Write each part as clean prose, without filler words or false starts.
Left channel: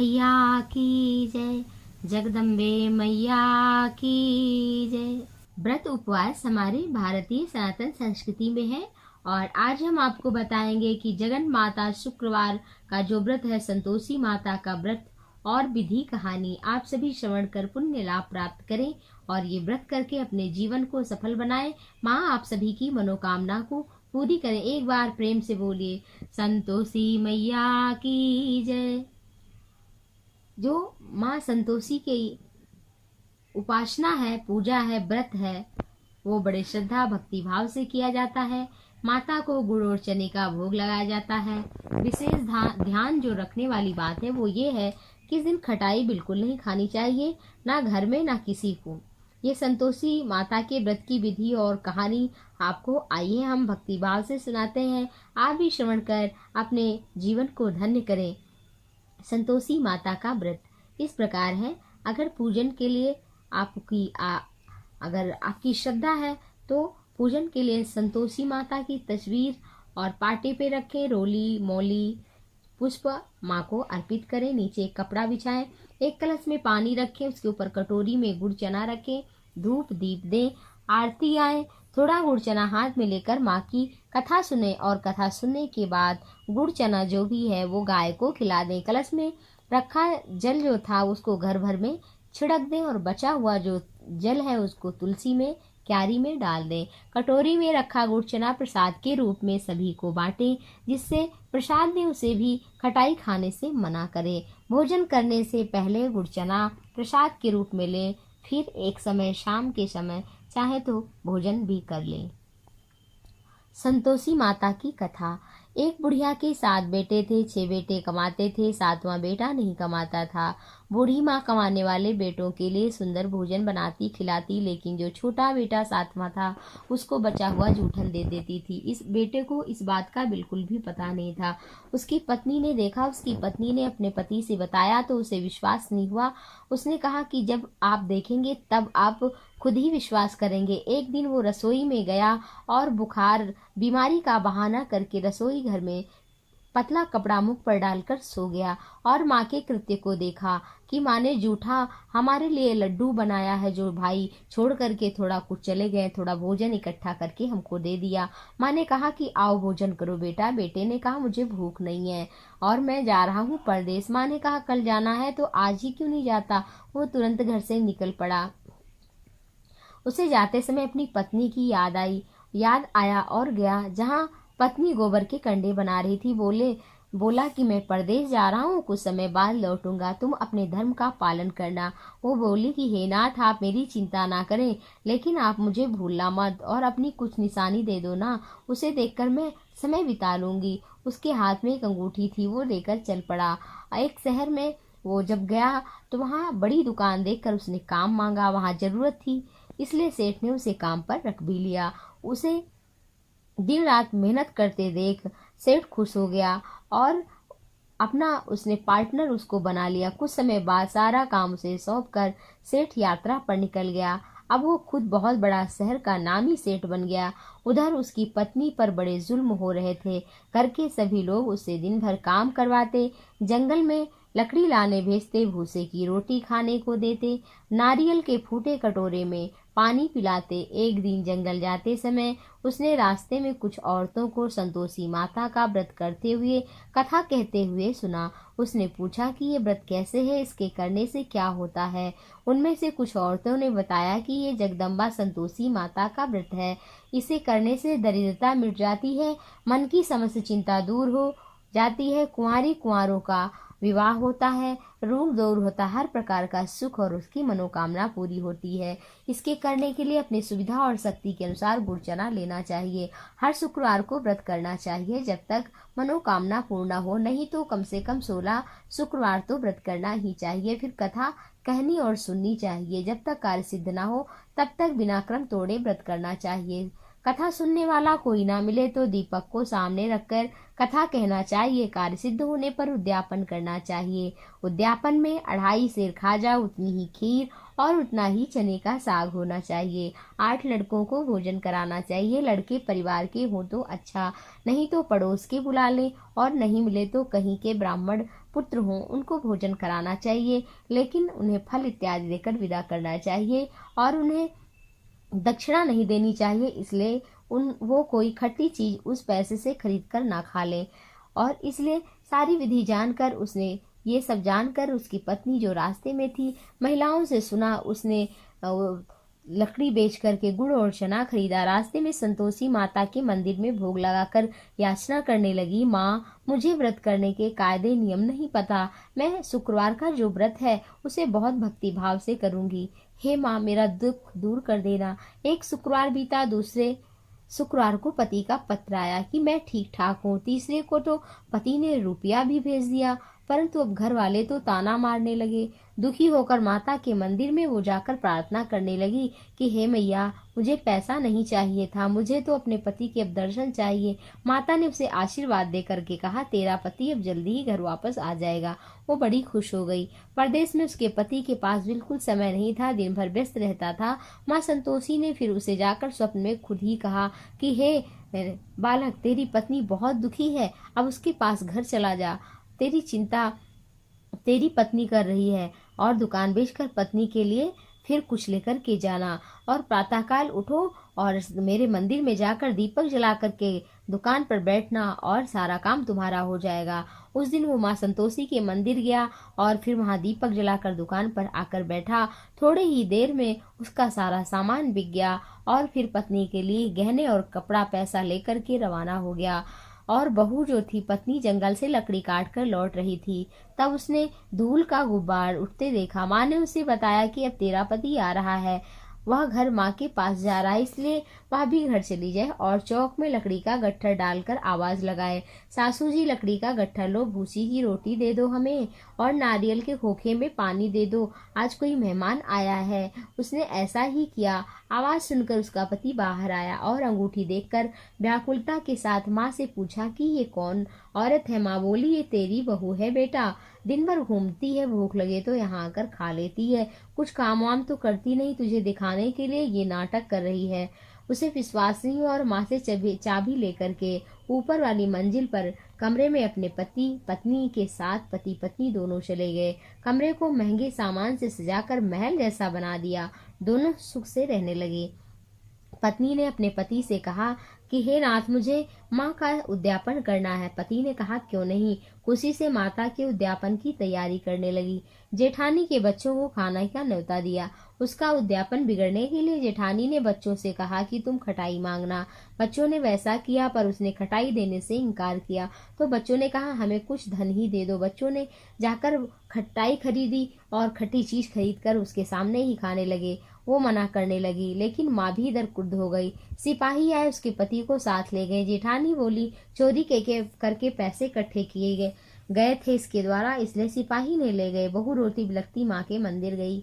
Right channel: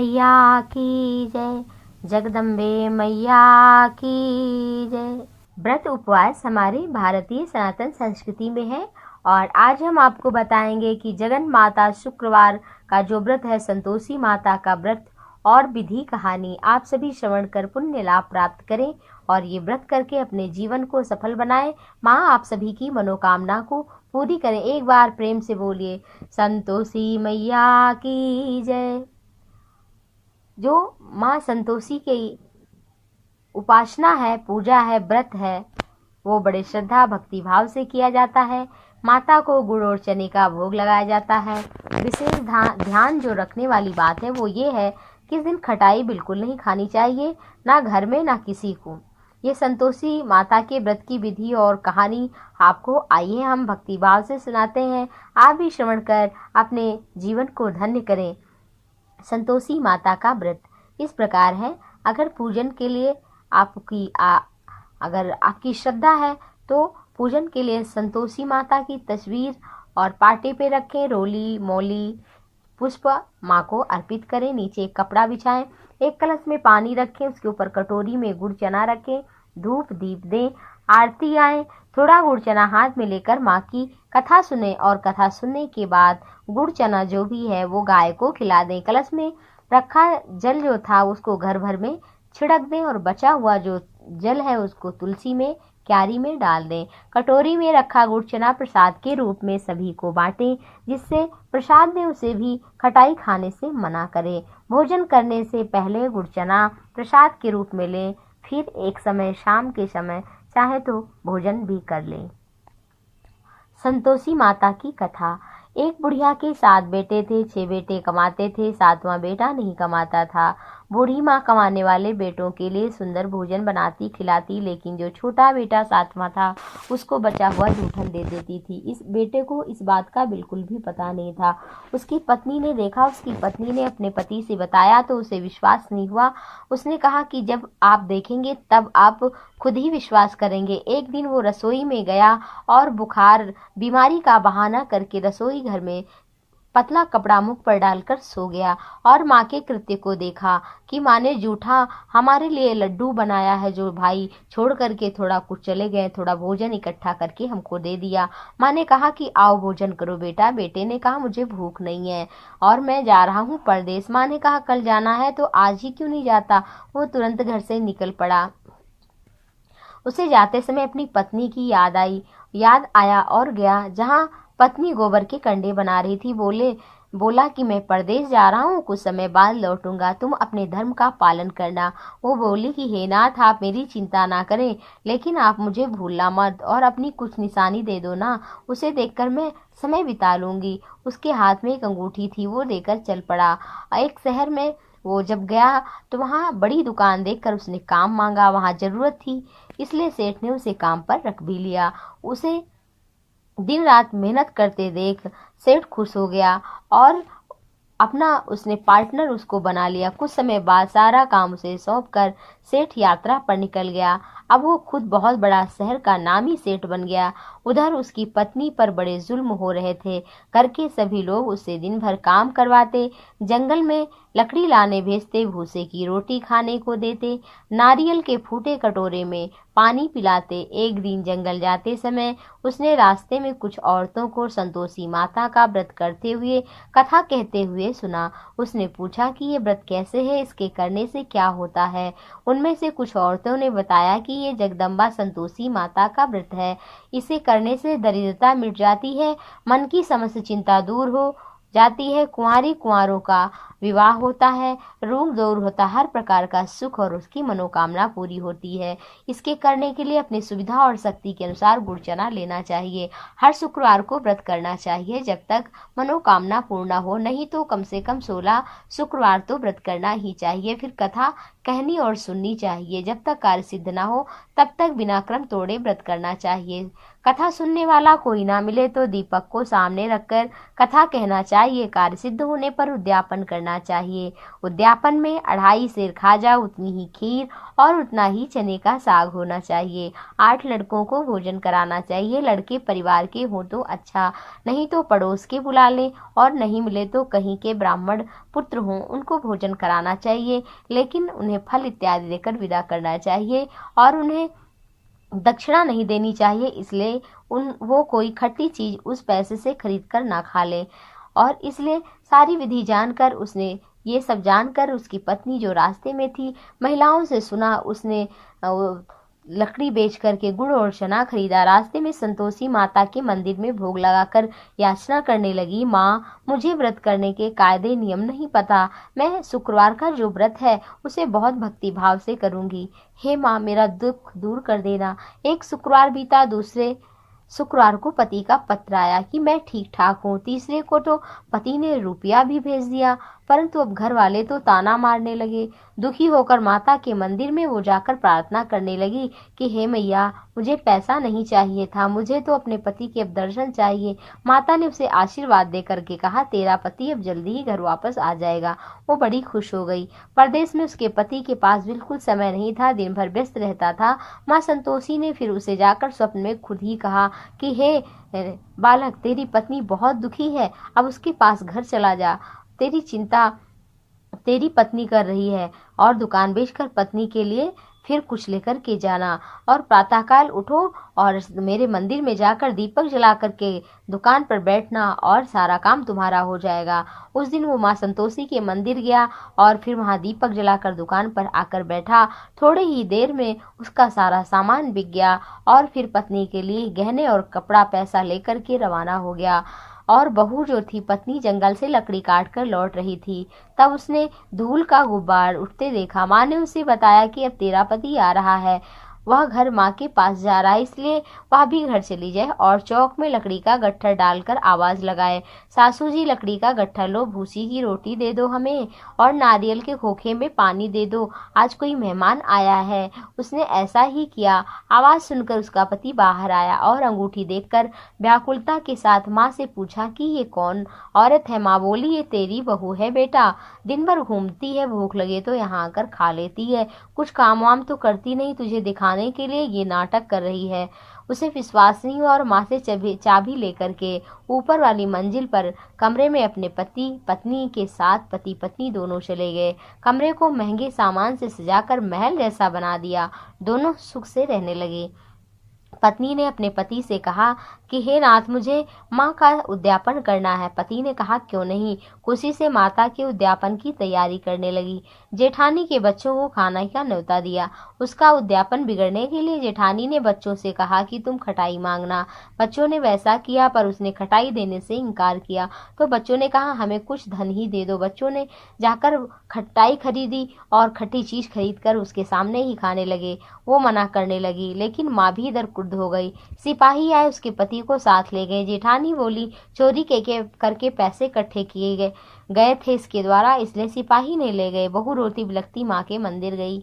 मैया की जय, जगदम्बे मैया की जय। व्रत उपवास हमारे भारतीय सनातन संस्कृति में है और आज हम आपको बताएंगे कि जगन माता शुक्रवार का जो व्रत है, संतोषी माता का व्रत और विधि कहानी आप सभी श्रवण कर पुण्य लाभ प्राप्त करें और ये व्रत करके अपने जीवन को सफल बनाएं। माँ आप सभी की मनोकामना को पूरी करें। एक बार प्रेम से बोलिए संतोषी मैया की जय। जो माँ संतोषी की उपासना है, पूजा है, व्रत है, वो बड़े श्रद्धा भक्ति भाव से किया जाता है। माता को गुड़ और चने का भोग लगाया जाता है। विशेष ध्यान जो रखने वाली बात है वो ये है कि इस दिन खटाई बिल्कुल नहीं खानी चाहिए, ना घर में ना किसी को। ये संतोषी माता के व्रत की विधि और कहानी आपको आइए हम भक्ति भाव से सुनाते हैं। आप भी श्रवण कर अपने जीवन को धन्य करें। संतोषी माता का व्रत इस प्रकार है। अगर पूजन के लिए अगर आपकी श्रद्धा है तो पूजन के लिए संतोषी माता की तस्वीर और पाटे पे रखें। रोली मौली पुष्प माँ को अर्पित करें। नीचे एक कपड़ा बिछाएं, एक कलश में पानी रखें, उसके ऊपर कटोरी में गुड़ चना रखें, धूप दीप दें, आरती आए, थोड़ा गुड़ चना हाथ में लेकर माँ की कथा सुने और कथा सुनने के बाद गुड़ चना जो भी है वो गाय को खिला दें। कलश में रखा जल जो था उसको घर भर में छिड़क दें और बचा हुआ जो जल है उसको तुलसी में क्यारी में डाल दें। कटोरी में रखा गुड़ चना प्रसाद के रूप में सभी को बांटें। जिससे प्रसाद दें उसे भी खटाई खाने से मना करें। भोजन करने से पहले गुड़ चना प्रसाद के रूप में लें, फिर एक समय शाम के समय चाहे तो भोजन भी कर लें। संतोषी माता की कथा। एक बुढ़िया के 7 बेटे थे। 6 बेटे कमाते थे, 7वां बेटा नहीं कमाता था। बूढ़ी माँ कमाने वाले बेटों के लिए सुंदर भोजन बनाती खिलाती, लेकिन जो छोटा बेटा 7वां था उसको बचा हुआ जूठन दे देती थी। इस बेटे को इस बात का बिल्कुल भी पता नहीं था। उसकी पत्नी ने देखा, उसकी पत्नी ने अपने पति से बताया तो उसे विश्वास नहीं हुआ। उसने कहा कि जब आप देखेंगे तब आप खुद ही विश्वास करेंगे। एक दिन वो रसोई में गया और बुखार बीमारी का बहाना करके रसोई घर में पतला कपड़ा मुख पर डालकर सो गया और माँ के कृत्य को देखा कि माँ ने जूठा हमारे लिए लड्डू बनाया है जो भाई छोड़ करके थोड़ा कुछ चले गए, थोड़ा भोजन इकट्ठा करके हमको दे दिया। माँ ने कहा कि आओ भोजन करो बेटा। बेटे ने कहा मुझे भूख नहीं है और मैं जा रहा हूँ परदेश। माँ ने कहा कल जाना है तो आज ही क्यों नहीं जाता। वो तुरंत घर से निकल पड़ा। उसे जाते समय अपनी पत्नी की याद आया और गया जहाँ पत्नी गोबर के कंडे बना रही थी। बोला कि मैं परदेश जा रहा हूँ, कुछ समय बाद लौटूंगा, तुम अपने धर्म का पालन करना। वो बोली कि हे नाथ आप मेरी चिंता ना करें, लेकिन आप मुझे भूलना मत और अपनी कुछ निशानी दे दो ना, उसे देखकर मैं समय बिता लूंगी। उसके हाथ में एक अंगूठी थी, वो लेकर चल पड़ा। एक शहर में वो जब गया तो वहाँ बड़ी दुकान देखकर उसने काम मांगा। वहाँ जरूरत थी इसलिए सेठ ने उसे काम पर रख भी लिया। उसे दिन रात मेहनत करते देख सेठ खुश हो गया और अपना उसने पार्टनर उसको बना लिया। कुछ समय बाद सारा काम उसे सौंपकर सेठ यात्रा पर निकल गया। अब वो खुद बहुत बड़ा शहर का नामी सेठ बन गया। उधर उसकी पत्नी पर बड़े जुल्म हो रहे थे। घर के सभी लोग उससे दिन भर काम करवाते, जंगल में लकड़ी लाने भेजते, भूसे की रोटी खाने को देते, नारियल के फूटे कटोरे में पानी पिलाते। एक दिन जंगल जाते समय उसने रास्ते में कुछ औरतों को संतोषी माता का व्रत करते हुए कथा कहते हुए सुना। उसने पूछा कि ये व्रत कैसे है, इसके करने से क्या होता है। उनमें से कुछ औरतों ने बताया कि ये जगदम्बा संतोषी माता का व्रत है, इसे करने से दरिद्रता मिट जाती है, मन की समस्त चिंता दूर हो जाती है, कुंवारों का विवाह होता है, रोग दूर होता, हर प्रकार का सुख और उसकी मनोकामना पूरी होती है। इसके करने के लिए अपनी सुविधा और शक्ति के अनुसार गुड़ चना लेना चाहिए। हर शुक्रवार को व्रत करना चाहिए जब तक मनोकामना पूर्ण हो, नहीं तो कम से कम 16 शुक्रवार तो व्रत करना ही चाहिए। फिर कथा कहनी और सुननी चाहिए। जब तक कार्य सिद्ध ना हो तब तक बिना क्रम तोड़े व्रत करना चाहिए। कथा सुनने वाला कोई ना मिले तो दीपक को सामने रखकर कथा कहना चाहिए। कार्य सिद्ध होने पर उद्यापन करना चाहिए। उद्यापन में 2.5 सेर खाजा, उतनी ही खीर और उतना ही चने का साग होना चाहिए। 8 लड़कों को भोजन कराना चाहिए। लड़के परिवार के हो तो अच्छा, नहीं तो पड़ोस के बुला लें और नहीं मिले तो कहीं के ब्राह्मण पुत्र हों उनको भोजन कराना चाहिए, लेकिन उन्हें फल इत्यादि देकर विदा करना चाहिए और उन्हें दक्षिणा नहीं देनी चाहिए, इसलिए वो कोई खट्टी चीज उस पैसे से खरीद कर ना खा ले। और इसलिए सारी विधि जानकर उसने ये सब जानकर उसकी पत्नी जो रास्ते में थी महिलाओं से सुना, उसने लकड़ी बेच करके गुड़ और चना खरीदा। रास्ते में संतोषी माता के मंदिर में भोग लगाकर याचना करने लगी, माँ मुझे व्रत करने के कायदे नियम नहीं पता, मैं शुक्रवार का जो व्रत है उसे बहुत भक्ति भाव से करूंगी। हे माँ मेरा दुख दूर कर देना। एक शुक्रवार बीता, दूसरे शुक्रवार को पति का पत्र आया कि मैं ठीक ठाक हूँ। तीसरे को तो पति ने रुपया भी भेज दिया, परंतु अब घर वाले तो ताना मारने लगे। दुखी होकर माता के मंदिर में वो जाकर प्रार्थना करने लगी कि हे मैया मुझे पैसा नहीं चाहिए था, मुझे तो अपने पति के अब दर्शन चाहिए। माता ने उसे आशीर्वाद दे करके कहा तेरा पति अब जल्दी ही घर वापस आ जाएगा। वो बड़ी खुश हो गई। परदेश में उसके पति के पास बिल्कुल समय नहीं था, दिन भर व्यस्त रहता था। माँ संतोषी ने फिर उसे जाकर स्वप्न में खुद ही कहा कि हे बालक तेरी पत्नी बहुत दुखी है, अब उसके पास घर चला जा, तेरी चिंता तेरी पत्नी कर रही है और दुकान बेचकर पत्नी के लिए फिर कुछ लेकर के जाना और प्रातःकाल उठो और मेरे मंदिर में जाकर दीपक जला करके दुकान पर बैठना और सारा काम तुम्हारा हो जाएगा। उस दिन वो माँ संतोषी के मंदिर गया और फिर वहाँ दीपक जलाकर दुकान पर आकर बैठा। थोड़ी ही देर में उसका सारा सामान बिक गया और फिर पत्नी के लिए गहने और कपड़ा पैसा लेकर के रवाना हो गया। और बहू जो थी पत्नी जंगल से लकड़ी काट कर लौट रही थी, तब उसने धूल का गुब्बार उठते देखा। माँ ने उसे बताया कि अब तेरा पति आ रहा है, वह घर माँ के पास जा रहा है, इसलिए वह भी घर चली जाए और चौक में लकड़ी का गट्ठर डालकर आवाज लगाए, सासू जी लकड़ी का गट्ठर लो, भूसी की रोटी दे दो हमें और नारियल के खोखे में पानी दे दो, आज कोई मेहमान आया है। उसने ऐसा ही किया। आवाज सुनकर उसका पति बाहर आया और अंगूठी देखकर व्याकुलता के साथ माँ से पूछा कि ये कौन औरत है। माँ बोली ये तेरी बहू है बेटा, दिन भर घूमती है, भूख लगे तो यहाँ आकर खा लेती है, कुछ काम वाम तो करती नहीं, तुझे दिखाने के लिए ये नाटक कर रही है। उसे विश्वास नहीं हुआ और माँ से चाबी लेकर के ऊपर वाली मंजिल पर कमरे में अपने पति पत्नी के साथ पति पत्नी दोनों चले गए। कमरे को महंगे सामान से सजाकर महल जैसा बना दिया। दोनों सुख से रहने लगे। पत्नी ने अपने पति से कहा कि हे नाथ मुझे माँ का उद्यापन करना है। पति ने कहा क्यों नहीं। खुशी से माता के उद्यापन की तैयारी करने लगी। जेठानी के बच्चों को खाना का न्योता दिया। उसका उद्यापन बिगड़ने के लिए जेठानी ने बच्चों से कहा कि तुम खटाई मांगना। बच्चों ने वैसा किया, पर उसने खटाई देने से इनकार किया तो बच्चों ने कहा हमें कुछ धन ही दे दो। बच्चों ने जाकर खटाई खरीदी और खट्टी चीज खरीद कर उसके सामने ही खाने लगे। वो मना करने लगी, लेकिन माँ भी इधर क्रुद्ध हो गई। सिपाही आए, उसके पति को साथ ले गए। जेठानी बोली चोरी के करके पैसे इकट्ठे किए गए थे इसके द्वारा, इसलिए सिपाही ने ले गए। बहू रोती बिलखती माँ के मंदिर गई।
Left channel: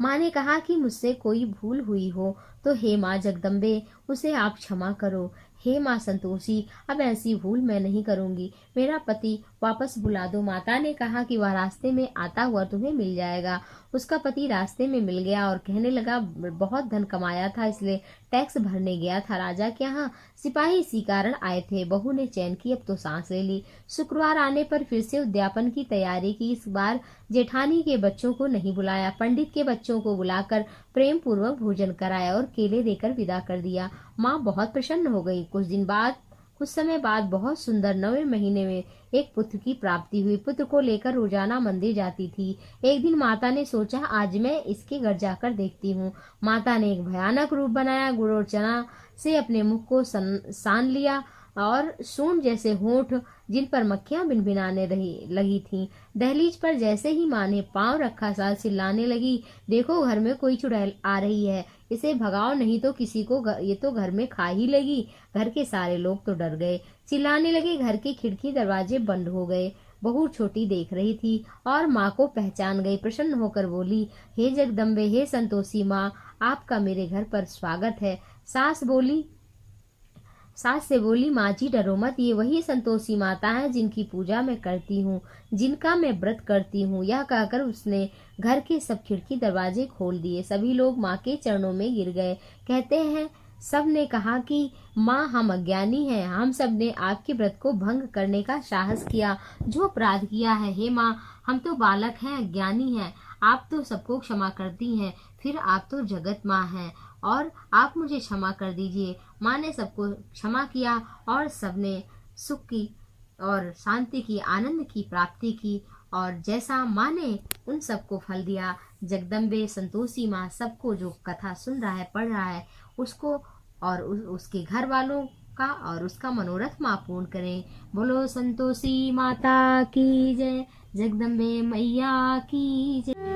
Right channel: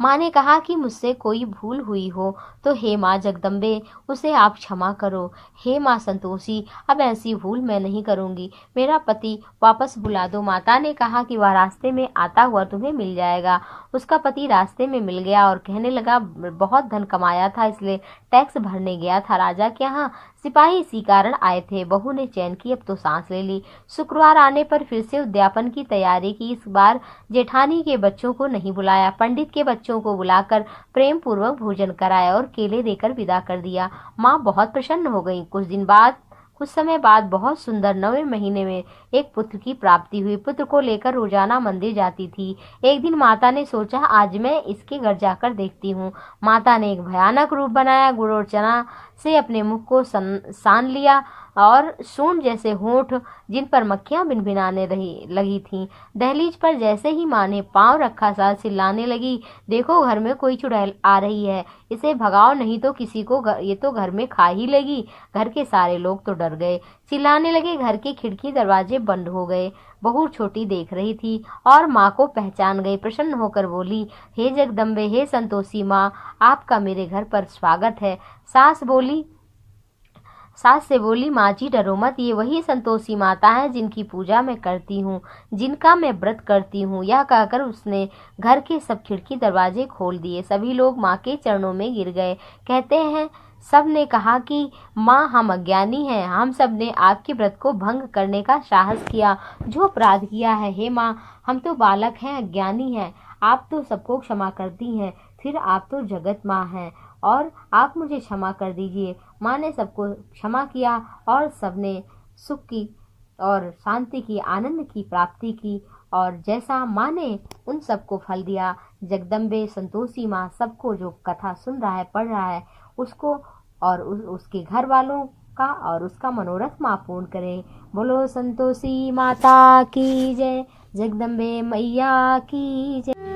माँ ने कहा कि मुझसे कोई भूल हुई हो तो हे माँ जगदम्बे उसे आप क्षमा करो। हे माँ संतोषी अब ऐसी भूल मैं नहीं करूंगी, मेरा पति वापस बुला दो। माता ने कहा कि वह रास्ते में आता हुआ तुम्हें मिल जाएगा। उसका पति रास्ते में मिल गया और कहने लगा बहुत धन कमाया था इसलिए टैक्स भरने गया था राजा के यहाँ। सिपाही इसी कारण आए थे। बहू ने चैन की, अब तो सांस ले ली। शुक्रवार आने पर फिर से उद्यापन की तैयारी की। इस बार जेठानी के बच्चों को नहीं बुलाया, पंडित के बच्चों को बुलाकर प्रेम पूर्वक भोजन कराया और केले देकर विदा कर दिया। माँ बहुत प्रसन्न हो गई। कुछ समय बाद बहुत सुंदर 9वें महीने में एक पुत्र की प्राप्ति हुई। पुत्र को लेकर रोजाना मंदिर जाती थी। एक दिन माता ने सोचा आज मैं इसके घर जाकर देखती हूँ। माता ने एक भयानक रूप बनाया, गुड़ और चना से अपने मुख को सान लिया और सूंड जैसे होंठ जिन पर मक्खियां भिनभिनाने लगी थीं। दहलीज पर जैसे ही माँ ने पांव रखा सास चिल्लाने लगी, देखो घर में कोई चुड़ैल आ रही है, इसे भगाओ नहीं तो किसी को ये तो घर में खा ही लेगी। घर के सारे लोग तो डर गए, चिल्लाने लगे। घर के खिड़की दरवाजे बंद हो गए। बहू छोटी देख रही थी और माँ को पहचान गई। प्रसन्न होकर बोली हे जगदम्बे, हे संतोषी माँ, आपका मेरे घर पर स्वागत है। सास से बोली माँ जी डरो मत, ये वही संतोषी माता है जिनकी पूजा मैं करती हूँ, जिनका मैं व्रत करती हूँ। यह कहकर उसने घर के सब खिड़की दरवाजे खोल दिए। सभी लोग माँ के चरणों में गिर गए। कहते हैं सब ने कहा कि माँ हम अज्ञानी हैं, हम सब ने आपके व्रत को भंग करने का साहस किया, जो अपराध किया है। हे माँ, हम तो बालक हैं, अज्ञानी हैं, आप तो सबको क्षमा करती हैं, फिर आप तो जगत माँ हैं और आप मुझे क्षमा कर दीजिए। माँ ने सबको क्षमा किया और सबने सुख की और शांति की, आनंद की प्राप्ति की। और जैसा माँ ने उन सबको फल दिया, जगदम्बे संतोषी माँ सबको, जो कथा सुन रहा है, पढ़ रहा है, उसको और उसके घर वालों का और उसका मनोरथ माँ पूर्ण करें। बोलो संतोषी माता की जय, जगदम्बे मैया की जय।